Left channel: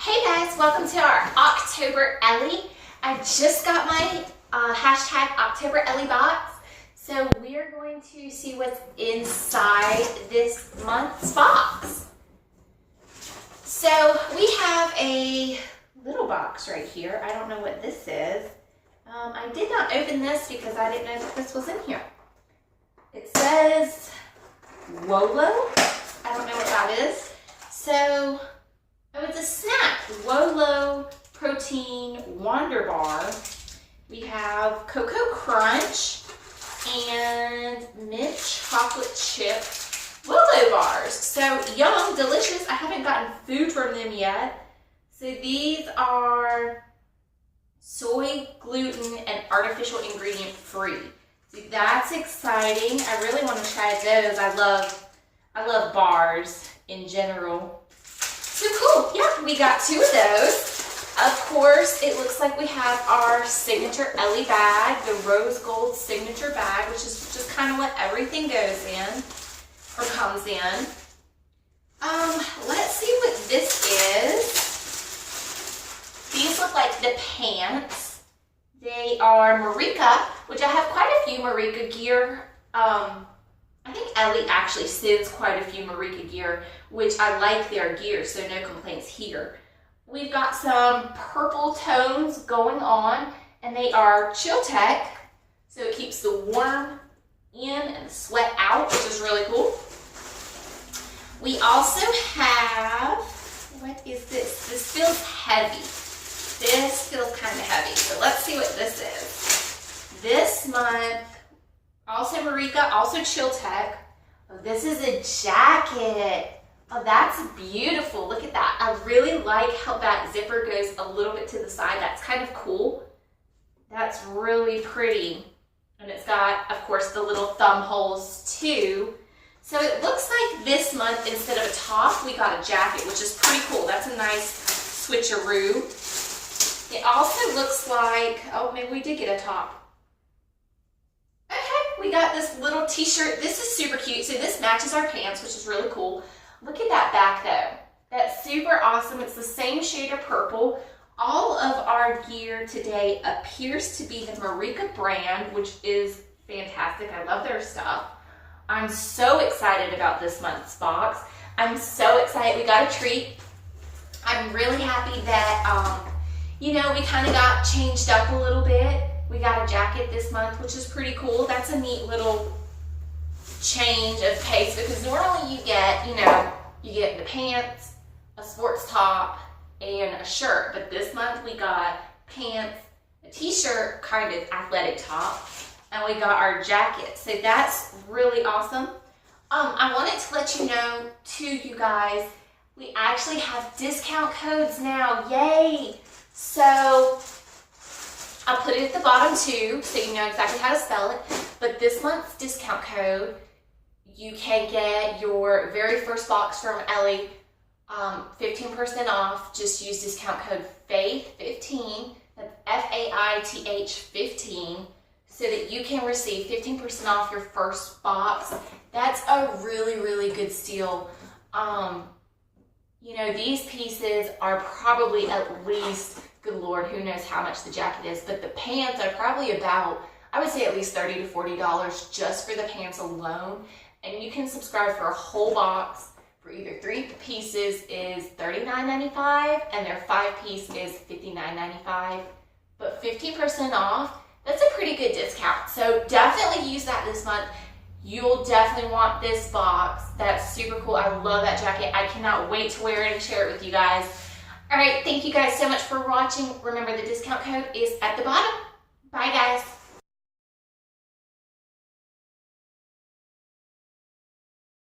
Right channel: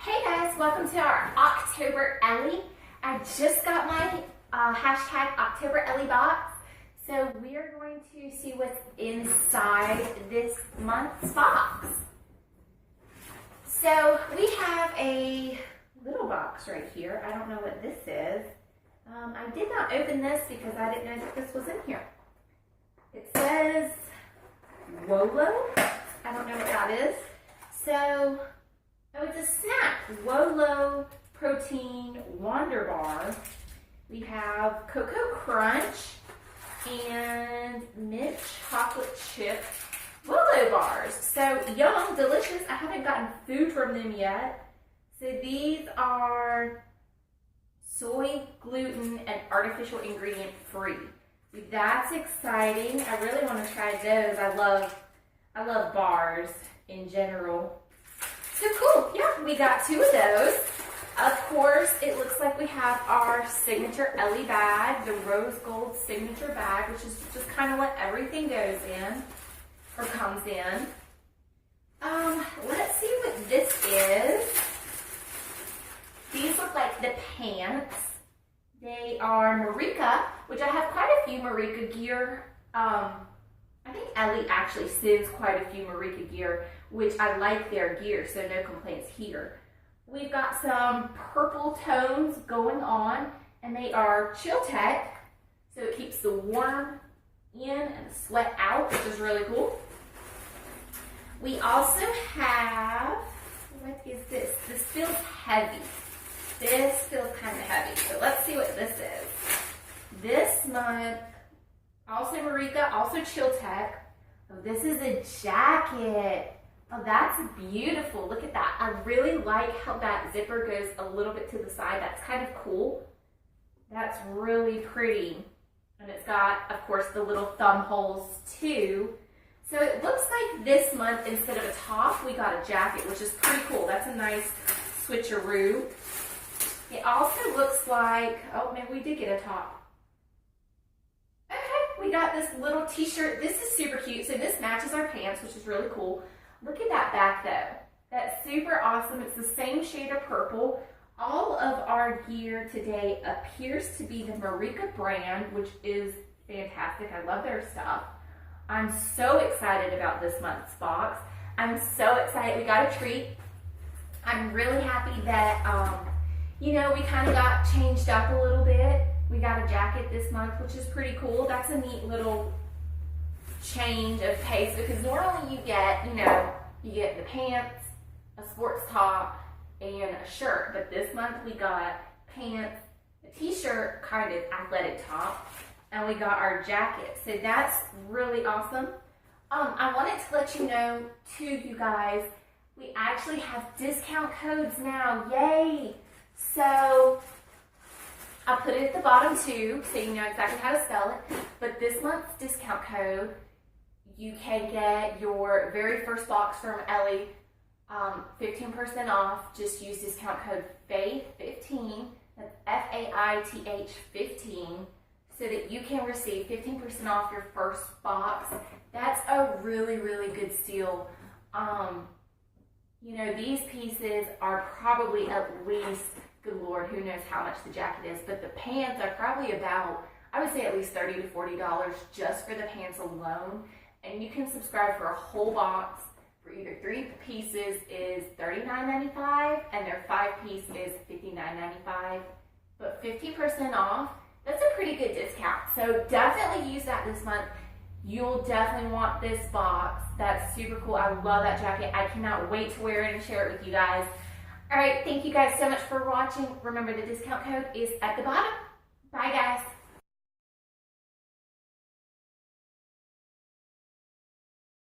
Hey guys, welcome to our October Ellie. I just got my hashtag October Ellie box. So we are going to see what's inside this month's box. So we have a little box right here. I don't know what this is. I did not open this because I didn't know that this was in here. It says Wolo. I don't know what that is. So, oh, it's a snack. Wolo Protein Wonder Bar. We have Cocoa Crunch and mint chocolate chip Wolo bars. So yum, delicious. I haven't gotten food from them yet. So these are soy, gluten, and artificial ingredient free. So that's exciting. I really want to try those. I love bars in general. So cool. Yeah, we got 2 of those. Of course, it looks like we have our signature Ellie bag, the rose gold signature bag, which is just kind of what everything goes in or comes in. Let's see what this is. These look like the pants. They are Marika, which I have quite a few Marika gear. I think Ellie actually sends quite a few Marika gear, which I like their gear, so no complaints here. We've got some purple tones going on, and they are Chill Tech, so it keeps the warm in and the sweat out, which is really cool. We also have, what is this? This feels heavy. This feels kind of heavy, so let's see what this is. This month, also Marika, also Chill Tech. Oh, this is a jacket. Oh, that's beautiful. Look at that. I really like how that zipper goes a little bit to the side. That's kind of cool. That's really pretty. And it's got, of course, the little thumb holes too. So it looks like this month, instead of a top, we got a jacket, which is pretty cool. That's a nice switcheroo. It also looks like, oh, maybe we did get a top. Okay, we got this little t-shirt. This is super cute. So this matches our pants, which is really cool. Look at that back though. That's super awesome. It's the same shade of purple. All of our gear today appears to be the Marika brand, which is fantastic. I love their stuff. I'm so excited about this month's box. I'm so excited. We got a treat. I'm really happy that, you know, we kind of got changed up a little bit. We got a jacket this month, which is pretty cool. That's a neat little change of pace, because normally you get, you know, you get the pants, a sports top, and a shirt. But this month we got pants, a t-shirt, kind of athletic top, and we got our jacket. So that's really awesome. I wanted to let you know too, you guys, we actually have discount codes now. Yay! So I'll put it at the bottom too, so you know exactly how to spell it. But this month's discount code, you can get your very first box from Ellie 15% off. Just use discount code FAITH15, that's F-A-I-T-H 15, so that you can receive 15% off your first box. That's a really, really good steal. You know, these pieces are probably at least, good Lord, who knows how much the jacket is, but the pants are probably about, I would say at least $30 to $40 just for the pants alone. And you can subscribe for a whole box. For either 3 pieces is $39.95 and their 5-piece is $59.95. But 15% off, that's a pretty good discount. So definitely use that this month. You'll definitely want this box. That's super cool. I love that jacket. I cannot wait to wear it and share it with you guys. All right, thank you guys so much for watching. Remember, the discount code is at the bottom. Bye, guys.